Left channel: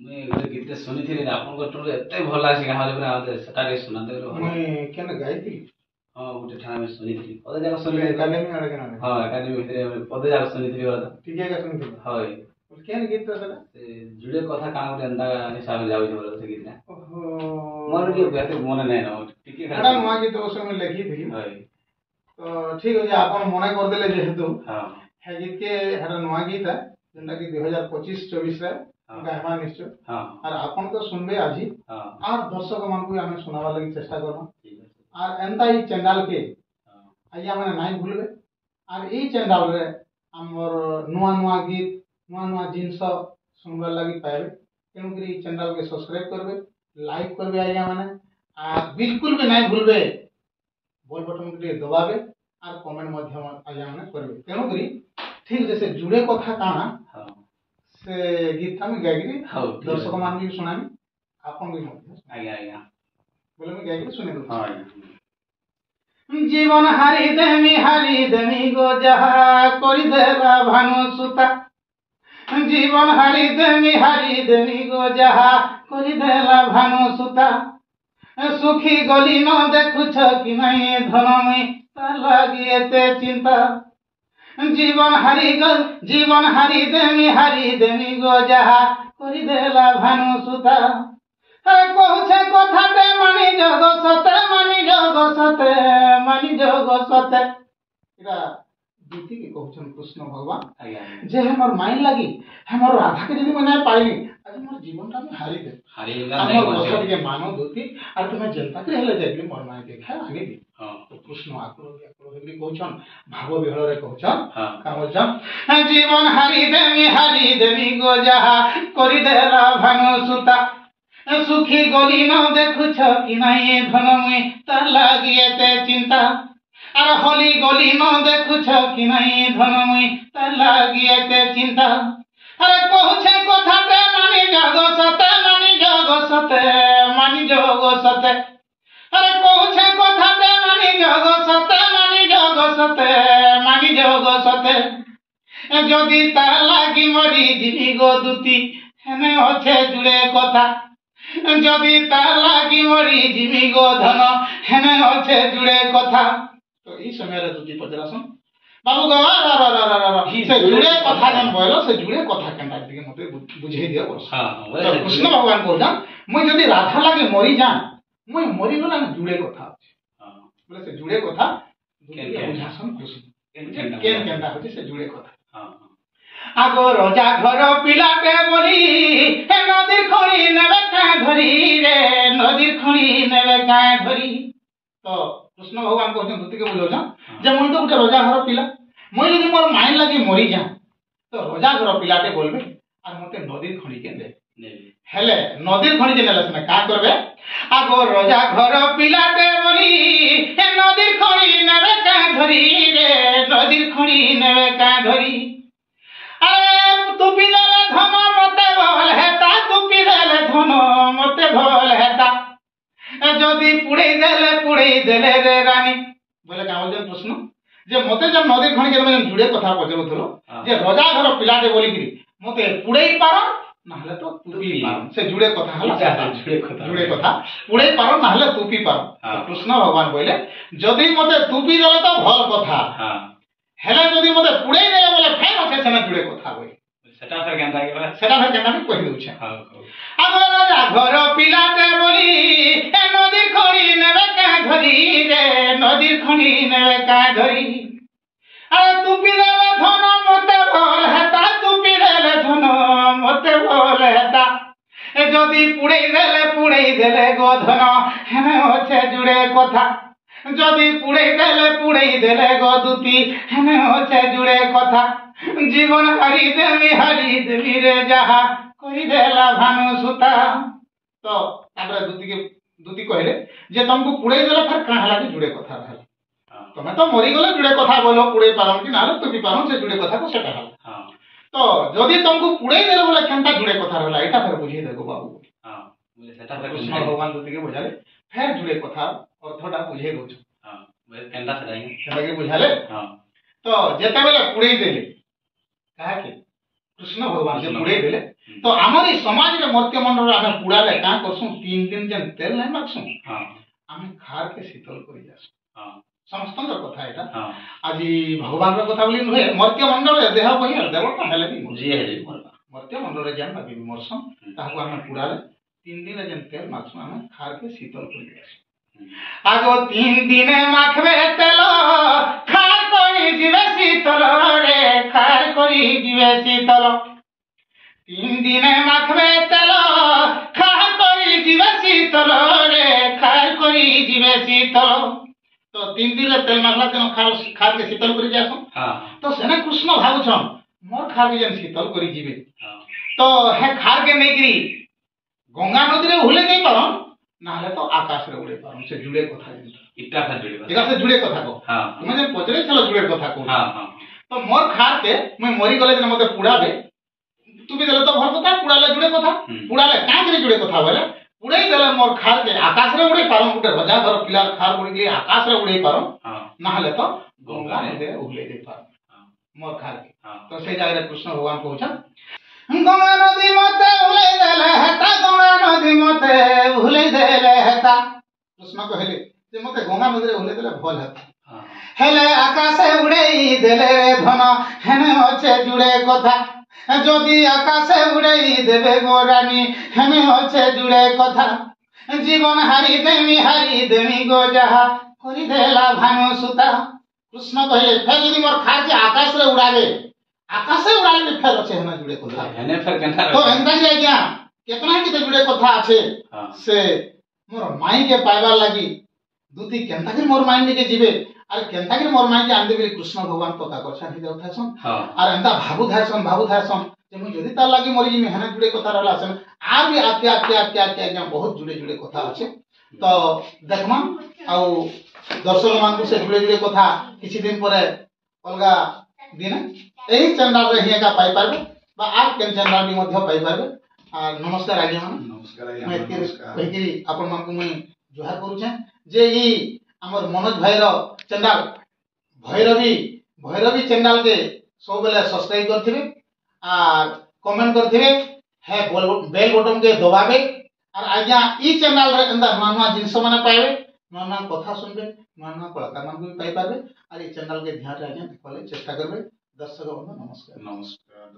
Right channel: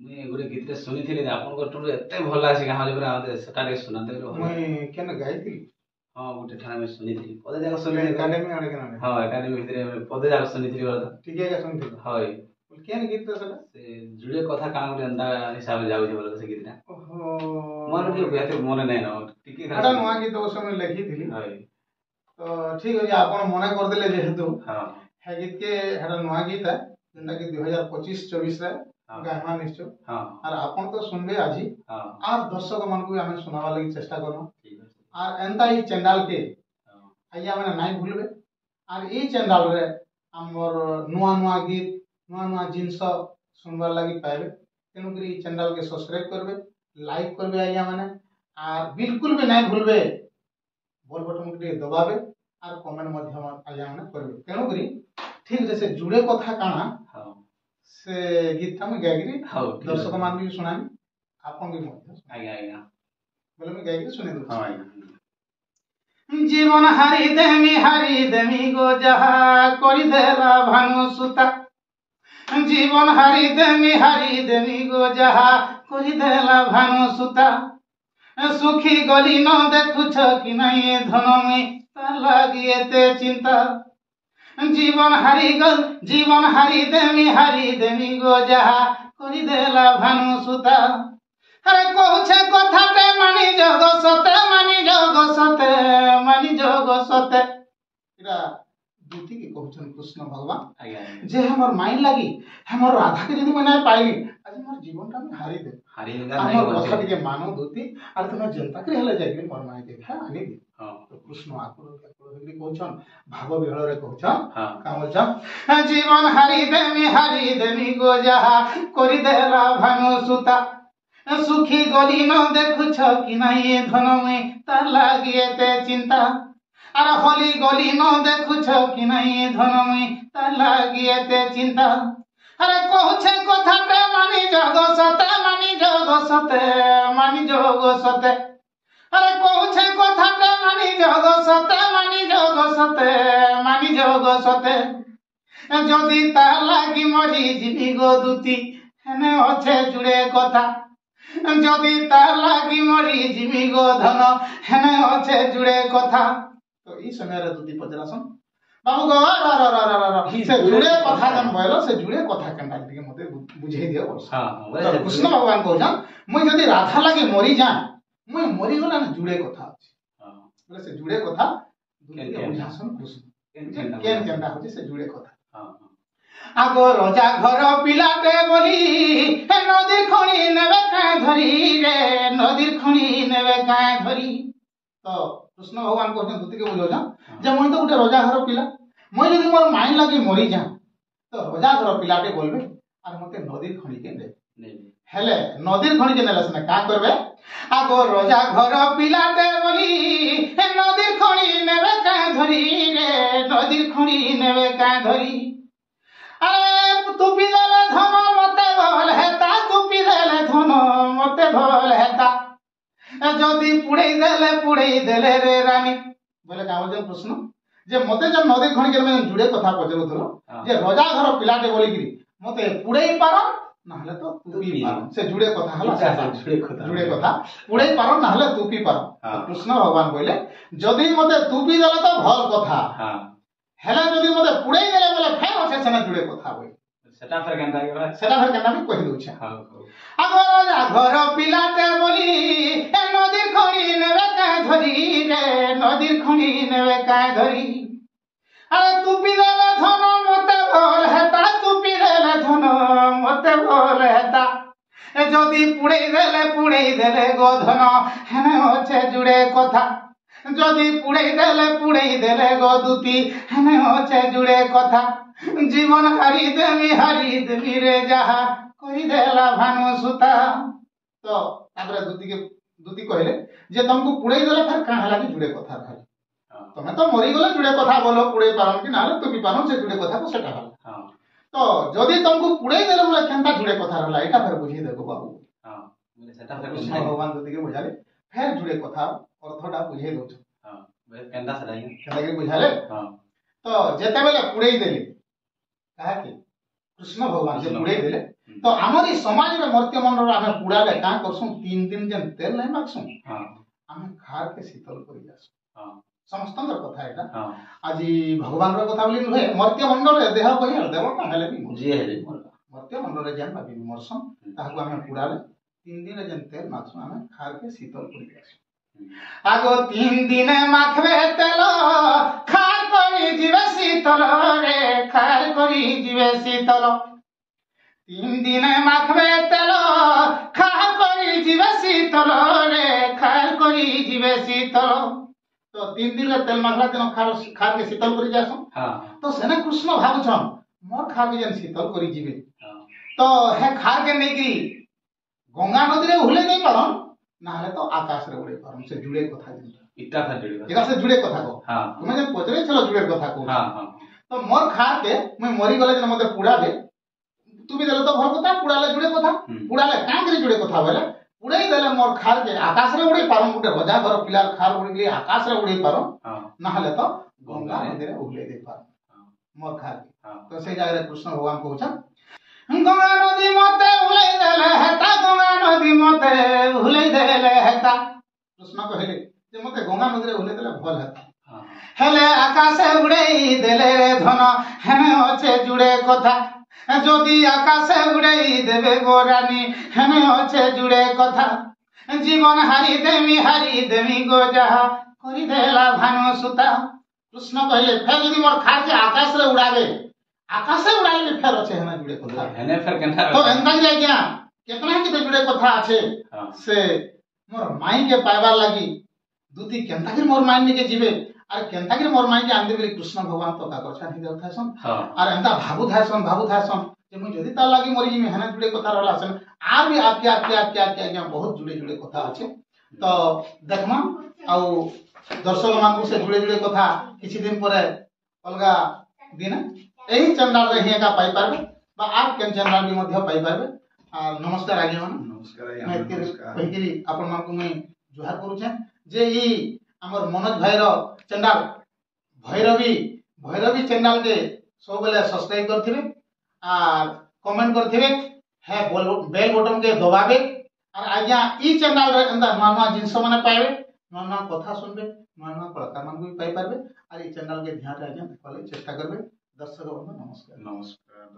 मुई गोटे गीत शुणी आपन टू एत भल लगे गाँव सेटा सुनाते मुई केन गाइती हाँ गोटे ठाणे शुणी पदे जाक शुणी एकेडमी आड़े केन हाँ एकाडेमी भितर पदे जाक शुणी ठीक है सुनथि हाय केन गीत तो सेटा से जुड़े कथा काना गोटे एंदा हिसाब जाउ बोल से गीतटा ओहो मोर के बेहतर मन नै न टिके एटा नुआ गीत उस समय लिखी थी हाय तो ठीक है आपन मने कर देले जेहेतु हां है गीत के एटा नुआ गीत है जेंदा कि 2025-24 रे गायमा निश्चय हां और आपन तो सुनबे आजी हां और दर्शक मान को हमें सुनावा लगी चेष्टा करो ठीक है और एंता ही चैनल के हां आइया माने नाइ भूलबे और ई चैनल रे हमर नुआ नुआ गीत नुआ नुआ जिनस सुनबार लगी पाइबे तेणु करी चैनल के सब्सक्राइब करबे लाइक करबे आइया माने और बिल्कुल भी नाइ भूलबे बॉल बटन के दबाबे और कमेंट माध्यम आइया माने करबे तेणु करी ठीक जैसे जुड़े कथा काना हां से गीत हम गायगिरी हां दर्शक मान भी सुनामी आपन भी मध्य आज्ञा आज्ञा बोले मैं गायगिरी सुने दो हां जीवन हारी देमी गो जहा करि देला भानु सुता जीवन हारी देमी गो जहा करि देला भानु सुता सुखी गली न देखुछ कि नहीं धन मुई तार लागी एते चिंता जीवन हारी देमी गो जहा करि देला भानु सुता अरे कहूछे कथाटे मानी जग सते इरा दूती के कहछन कृष्ण भगवान आज्ञा जे हमर माइन लागी हमर राधा के यदि मैं पाइली आज मोर जीवन टा में हारी दे हमर कथा के मानो दूती और तुम जनता के हेले जाइबे मोर माय देखा आनी दे हां तो कृष्ण आकुल हेगरी कहछन भाव विहळ रे कहछन हां कामछन जीवन हारी देमी गो जहा करि देला भानु सुता सुखी गली न देखुछ कि नहीं धन मुई तार लागी एते चिंता अरे होली गली न देखुछ कि नहीं धन मुई तार लागी एते चिंता अरे कहूछे कथाटे मानी जग सते अरे कहूछे कथाटे मानी जग सते जदि तार लागी मरी जीवी गो दूती हेने अच्छे जुड़े कथा जदि तार लागी मरी जीवी गो धन हेने अच्छे जुड़े कथा तो ई समय रे दूती पचरासन बाबू गो से जुड़े कथा जन बोलो से जुड़े कथा केनटा दिके मते बुझे दियो बोल हां कृष्ण भगवान कहछन मुई जदि राधा लागी मरी जा मुई मरी गला न जुड़े कथा अछि हां बोले से जुड़े कथा केन दूती बुझासन कृष्ण केन केनटा होती से जुड़े कथा हां आगो रजा घर पिलाटे बोली हे नदीर खणी नेबे काए धरी रे नदीर खणी नेबे काए धरी तो कृष्ण भगवान कहते दूती के बुझो जा जे मुई तो उठे रजा घर पिला मुई यदि मोर माइन लागी मरी जा तो रजा घर पिलाटे बोलबे और मते नदीर खणी के दे हेले नदीर खणी के नेला सने का करबे आगो रजा घर पिलाटे बोली हे नदीर खणी नेबे काए धरी रे नदीर खणी नेबे काए धरी अरे तू पिदेले धन मते भल हेता जदि पुड़े देले रे रानी बोले का बोल प्रश्न जे मते जब नदी खणी के मैं जुड़े कथा पचरुथलो जे रजा घर पिलाटे बोली गिरी मते पुड़े पारो नाहले तो तुपी पारो से जुड़े कथा हला जुड़े कथा पुड़े पारो नाहले तुपी पारो कृष्ण भगवान बोले जदि मते तुपी देले तो भल कथा हां हेले जदि मते पुड़े देले बोले फेर अछे सेना जुड़े कथा होई सेटा फेर केनता के सेटा फेर केनता भी कहि दउछे हां आगो राजा घर पिलाटे बोली ए नदीर खणी नेबे का धरी रे नदीर खणी नेबे का धरी अरे तू पिदेले धन मते भल हेता तू पिदेले धन मते भल हेता ए जदि पुड़े देले गो धन हेने अछे जुड़े कथा जदि पुड़े देले गो दूती हेने अछे जुड़े कथा जीवन हारी देमी रे जहा कहि देला भानु सुता तो तापर दूती कहले जे तुमको पुड़े देला फिर का हला जुड़े कथा रहल तमे तो मरी गले जुड़े कथा बोलो पुड़े पारन कि नाले तुपी पारन से जुड़े कथा को सेटा हल हां तो जदि तुमको पुड़े देले बोले केनता जुड़े कथा रहला एटा फिर बुझी देगो बाबू हां बोले सेटा फिर कृष्ण भगवान दूती के बुझाले फिर जुड़े कथा अर्थटा बुझे दउछ हां बोले केनता सेटाई केनता के बुझाले हां तो जेते बेले पुड़े देले काहे कि कृष्ण भगवान जे पुड़े देले तो आमर ई समाज रे मर्त्य मंडल आमे पुड़ाले का करसु 3 दिन जेन तेल नै मागसु हां आमे खार के शीतल करि जासु हां समस्तंकर कथा एटा हां आज भगवान रो कथा बोली नुहे मर्त्य मंडल रे देह बहि देवता हेले भी जी हेले मरबा मर्त्य मंडल रे जेन भी मरसम ताहाको आमे पुड़ाले 3 दिन जेन तेल मागसु आमे खार के शीतल करि जासु आगो 3 दिन माखबे तेल खार करि जिवे शीतल रे खार करि जिवे शीतल 3 दिन माखबे तेल खार करि जिवे शीतल रे खार करि जिवे शीतल तो 3 दिन रे तेल माखला तेन खार के शीतल करि जासु हां तो सेने कृष्ण भाबुछन मोर खार के जेन शीतल करि जिवे हां तो हे खार के नेगिरी गंगा नदी रे हुले नहीं पारन नाले तो आकाश रे उड़े पारन से जुड़े कथा जेन इटा खा जुड़े एका से जुड़े कथा को हां तुमे जे पचरे चलो जुड़े कथा को हां हां तो मोर खार के मैं मरी गले जेन मते पुड़ाबे तू भी देले तो भल कथा पुड़ाले जुड़े कथा पुड़ाले काहे करे जुड़े कथा बोले उड़े देले मोर खार के आकाश रे उड़े पारन गुटे रजा घर पिलार खार उड़ी के आकाश रे उड़े पारन हां नाले तो गंगा नदी रे उड़े दे पारन मोर खार के तो से जाय रे कृष्ण भगवान कहउछन गंगा नदी मते उड़े देले हेता गंगा नदी मते उड़े देले हेता कृष्ण कहले जे मते गंगा नदी रे उड़े देले भल हेता हेले आकाशे उड़ेई देले रे धन हेने अछे जुड़े कथा যদি আকাশে উড়াই দেবে গোরানি হেনে আছে জুড়ে কথা জীবন হারি দেমি গো যাহা করি দেলা ভানু সুতা কৃষ্ণ কহিলে ফের যদি মোর খাকে আকাশে উড়াবে আকাশে উড়াইলে ফের আছে হেনে জুড়ে কথা হেনে ফের কেনতা তো এন্তা কি আজ্ঞা কেতনা কি জুড়ে কথা আছে সে মোর মাই के पाइबार लागि দুতি কেনতা কি মোর মাই নিকে জিবে আর কেনতা কি মোর মাই के आंदे के कृष्ण भगवान पता करछन हि देउथासन আর এন্তা ভাবু ধারसन যে মুই যদি তার লাগি মরি জিমি হেনা জুড়ে কথা रहला আছে আর भी আজ্ঞা बहुत जुड़े कथा আছে তো দেখমা আউ দর্শক মানকু সে जुड़े कथा কিছু দিন পরে অলগা দিনে এই চ্যানেল রে হিয়াকা পাই পারবে বা আর কেন চ্যানেল বি মধ্য পাই পারবে আর নমস্কার আজ্ঞা মান নমস্কার নমস্কার কহিকি আপন মানকু মুই জোহার କରୁଛେ যে ই हमर मनोज भाईर चैनल भैरवी चैनल के सब बेले सब्सक्राइब करथिबे और कमेंट करथिबे है बेल बटन के दबाबे और आज्ञा ई चैनल रे अंदर नवा जिंस माने पाइबे नवा कथा सुनबे नवा कलाकार मान भी पाई पारबे और ई चैनल के ध्यान रे आज्ञा देखले चेष्टा करबे दर्शक बंधु नमस्कार नमस्कार।